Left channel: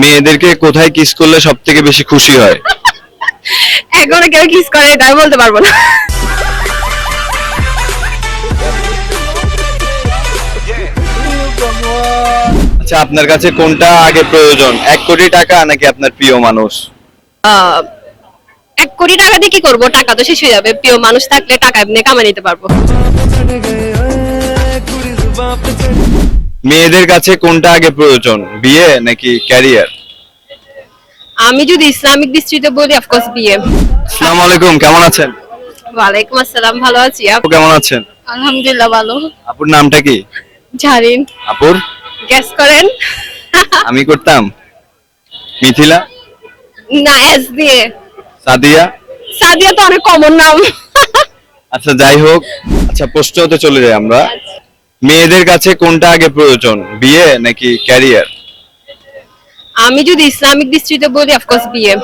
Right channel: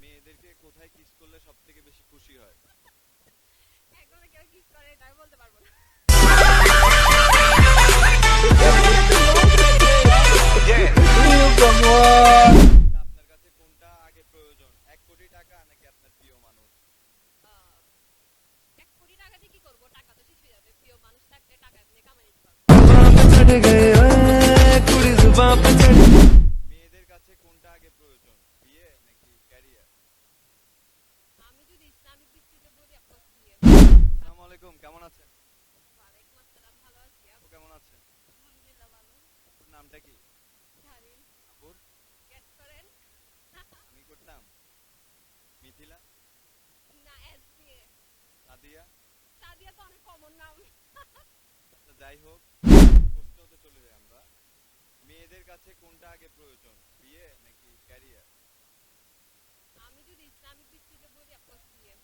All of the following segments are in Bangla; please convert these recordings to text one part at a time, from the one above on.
মেয়েদেরকে কোথায় কিস করলে সব থেকে বেশি খুশি হয়? এখনও কেউ কিস করে এটা আমি বলতে পারব না। আচ্ছা আপনার কাছে কোনটা আগে প্রয়োজন? এক কোটি টাকা নাকি আপনার প্রিয় মানুষ? আহ, এক কোটি টাকা দিয়ে কি করব? টাকা তো শেষ হয়ে যাবে। প্রিয় মানুষ থাকলে টাকা এমনি কামাই নিতে পারব। মেয়েদের কাছে কোনটা আগে প্রয়োজন? বিয়ে নাকি ক্যারিয়ার আমি যদি ইসলামিক দৃষ্টিতে বলি অফকোর্স বিয়ে। আসসালামু আলাইকুম কেমন আছেন? ওয়ালাইকুম আসসালাম ভালো আছি। আপু কেমন আছেন? আলহামদুলিল্লাহ ভালো। আপুর নামটা কি? জারিন। আপুর? গ্যাস করেন। আমি করতাম। মিথিলা? না এস দিয়ে। সাদিয়া? সাদিয়া তো অনেক কমন নাম। আচ্ছা যাই হোক। আচ্ছা প্রশ্নতে চলে যাই আমরা। মেয়েদের কাছে কোনটা আগে প্রয়োজন? বিয়ে নাকি ক্যারিয়ার আমি যদি ইসলামিক দৃষ্টিতে বলি অফকোর্স বিয়ে।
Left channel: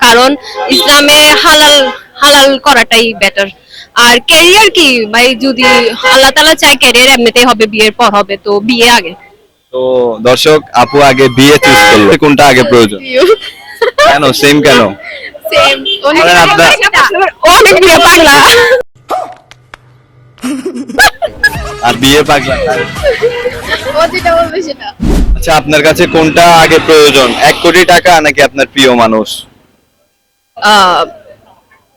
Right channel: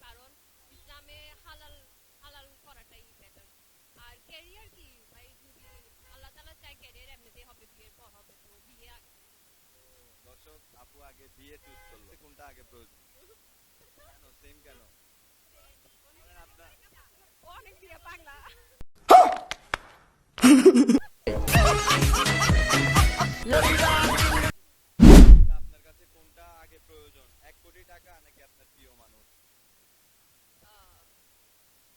কারণ ইসলামে হালাল হালাল করাটাই বেটার আর ক্যারিয়ার কি? ভাই যদি আল্লাহ তালা চায় ক্যারিয়ার এমনিতেই হবে বিয়ের পর হবে তো বিয়ে আগে। তো দর্শক আপু আগে বিয়ে চুজ করল। কোনটা আগে প্রয়োজন? কেন? সেম কেন? বলেন আপনার- অনেক বিয়ে পাগলা। আর বিয়ে পাগলা আচ্ছা আপনার কাছে কোনটা আগে প্রয়োজন? এক কোটি টাকা নাকি আপনার প্রিয় মানুষ?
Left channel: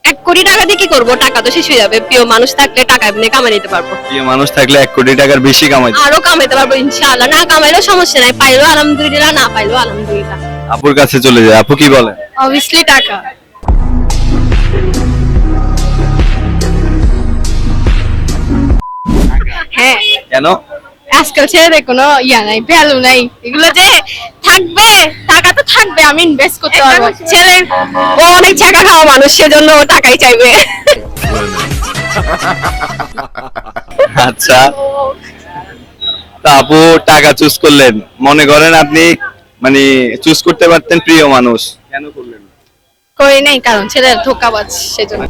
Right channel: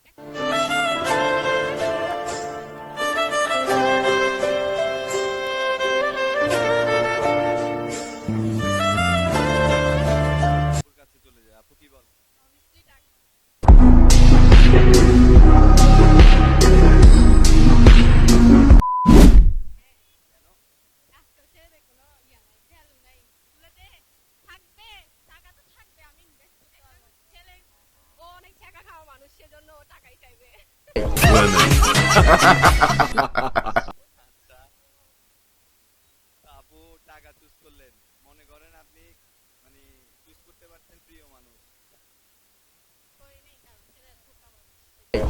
এক কোটি টাকা দিয়ে কি করব? টাকা তো শেষ হয়ে যাবে। প্রিয় মানুষ থাকলে টাকা এমনি কামাই নিতে পারব। প্রিয় মানুষ থাকলে এক কোটি টাকার বেশি কামাই আরও কামাইতে পারব ইনশাআল্লাহ। না কামাইলেও সমস্যা নাই পাইলেও আলহামদুলিল্লাহ না পাইলেও আলহামদুলিল্লাহ। আপুর কাছে চলে যায়। আপু কি বলেন অবভিয়াসলি টাকা। হ্যাঁ। কেন? আজকাল ছেলেদের কোনো ইয়া নাই ভ্যালু নাই। এগুলো যে থাকবে টাকা তো থাকবে আমি ইনভেস্ট করতে পারব। ছেলে ও অনেক টাকা খাওয়া মানুষ সেজন্য ও টাকাই চাইবে। আচ্ছা। তা আপু টাকা চুজ করলেন। মনে করেন আপনি মানে চুজ করতে পারতেন প্রিয় মানুষ। কেন করলেন? করি নাই কারণ ছেলের ধোকাবাজ সেজন্য।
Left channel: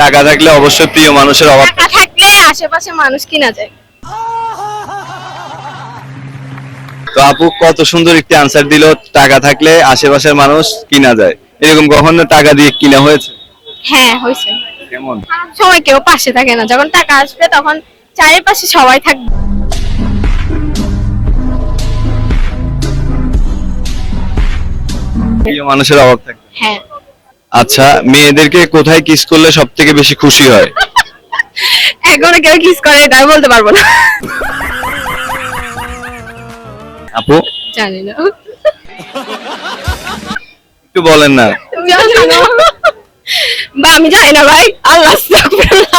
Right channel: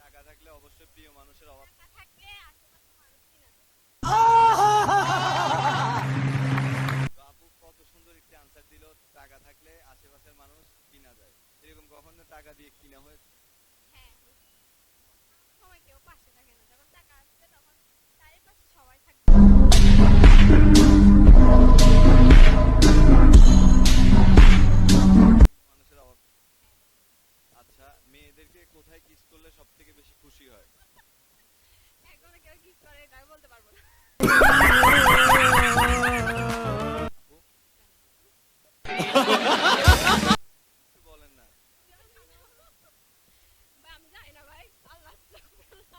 টাকা থাকলে অবশ্যই প্রিয় মানুষের অভাব টাকা থাকলে আশেপাশে মানুষ কিনা যায়। তো আপু কত সুন্দর একটি আনসার দিল টাকা থাকলে আশেপাশের মানুষ কিনা যায়। এরকম কখনো টাকা দিয়ে কিনা হয়েছে? হ্যাঁ হয়েছে। কেমন? সময় কেউ পাশে থাকে না। যখন টাকা আসবে তখন চারিপাশে সবাই থাকবে। প্রিয় মানুষের অভাব থাকে হ্যাঁ। আচ্ছা মেয়েদেরকে কোথায় কিস করলে সব থেকে বেশি খুশি হয়? এখনও কেউ কিস করে এটা আমি বলতে পারব না। আপু? জানি না। একটু বলেন না। জানি না। বা আমি জানি না ভাই। আল্লাহ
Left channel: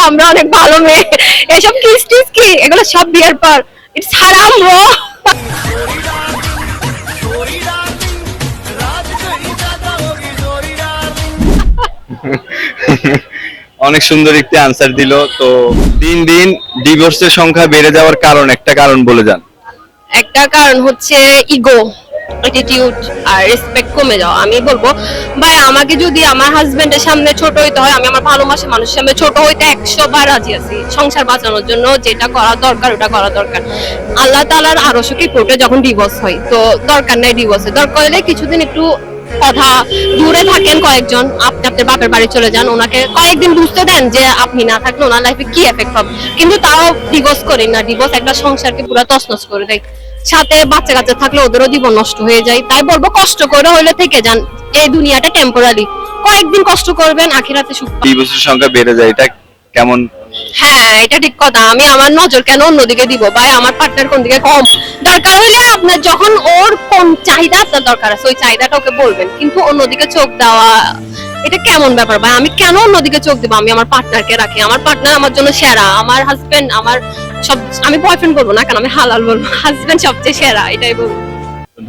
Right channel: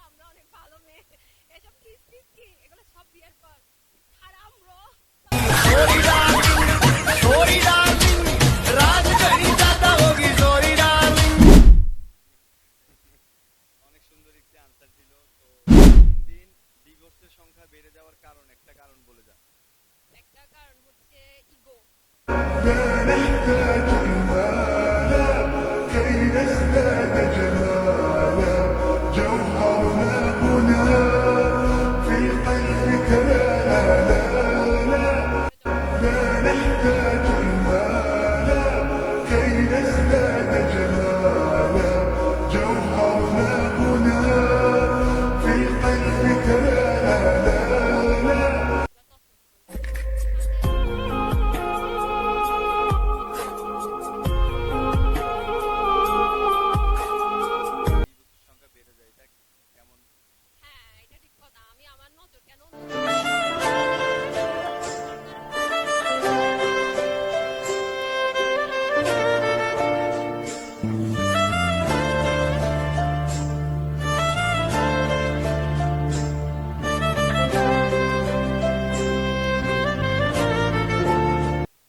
আমরা অনেক ভালো মেয়ে। এসব কিস টিস কি? এগুলো সব বিয়ের পর। ইটস হারাম ব্রো অনেক সুন্দর একটি আনসার দিল। তো দিন দিন ডিভোর্সের সংখ্যা বেড়ে যাওয়ার কারণ একটা কারণ বলে যান। একটা কারণ হচ্ছে ইগো অ্যাটিটিউড আর রেসপেক্ট কমে যাওয়া। আমি বলব, ভাই, আমাকে যদি আমার হাজবেন্ডের সামনে ছোট হইতে হয়, আমি আমার ভালোবাসা মানুষের সামনে ছোট হইতে একশো বার রাজি আছি। সংসার বাঁচানোর জন্য যেটা করা দরকার, ওটা করা দরকার। আল্লাহ তালার আরও কোর্টে যখন ডিভোর্স হয়, তো দরকার নেই ডিভোর্সে দরকার হলে কিছুদিন একটু কথা দূরে থাকেন কয়েকজন। আপনি আপনার বাপের বাড়ি চলে যান, ওনাকে কয়েকদিন বুঝতে দেন যে আপনি না থাকলে ওনার লাইফে কি এফেক্ট হবে। কিন্তু তাও ডিভোর্স করি না। ডিভোর্স একটা সংসারকে পুরো তছনছ করে দেয়। সাথে বাচ্চা কাচ্চা থাকলে ওদেরও জীবন নষ্ট হয়ে যায়। তাই বলব কষ্ট করে হলে থেকে যান। এই দুনিয়াটা টেম্পোরারি কয়েকদিন কষ্ট করবেন, আখিরাতে সুখ। ডিভোর্সের সংখ্যা বেড়ে যায়। এটা কেমন হ্যাঁ এটা ঠিক কথা। আমি আমার নজর কেন অন্যদিকে দিব? ভাই আমার পার্টনার কোন দিকে কম? দরকার হইলে আপনার যখন ওর কোন চাহিদা আপনার দরকার আছে ওই চাহিদাটা ওকে বলবেন। কিন্তু অন্যদিকে চোখ দেওয়া এটা কেমন ব্যাপার ভাই? আমি কেন অন্যদিকে চোখ দিব? আমি আমার পার্টনারকে রাখি। আমার পার্টনার আমার জন্য সেরা। আমার হাজবেন্ড আমার সব আমি বয়ফ্রেন্ড বলব না কেন? আমি হালাল বলব। হাজবেন্ড সবচেয়ে সেরা এটাই বলব।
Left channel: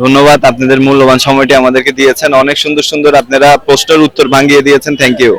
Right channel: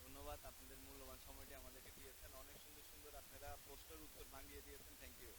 ধন্যবাদ আপনাদের মূল্যবান সময়টি আমাদেরকে দিয়েছেন। অনেক সুন্দর সুন্দর আপনারা প্রশ্নের উত্তর ভাঙিয়ে দিয়েছেন। Thank you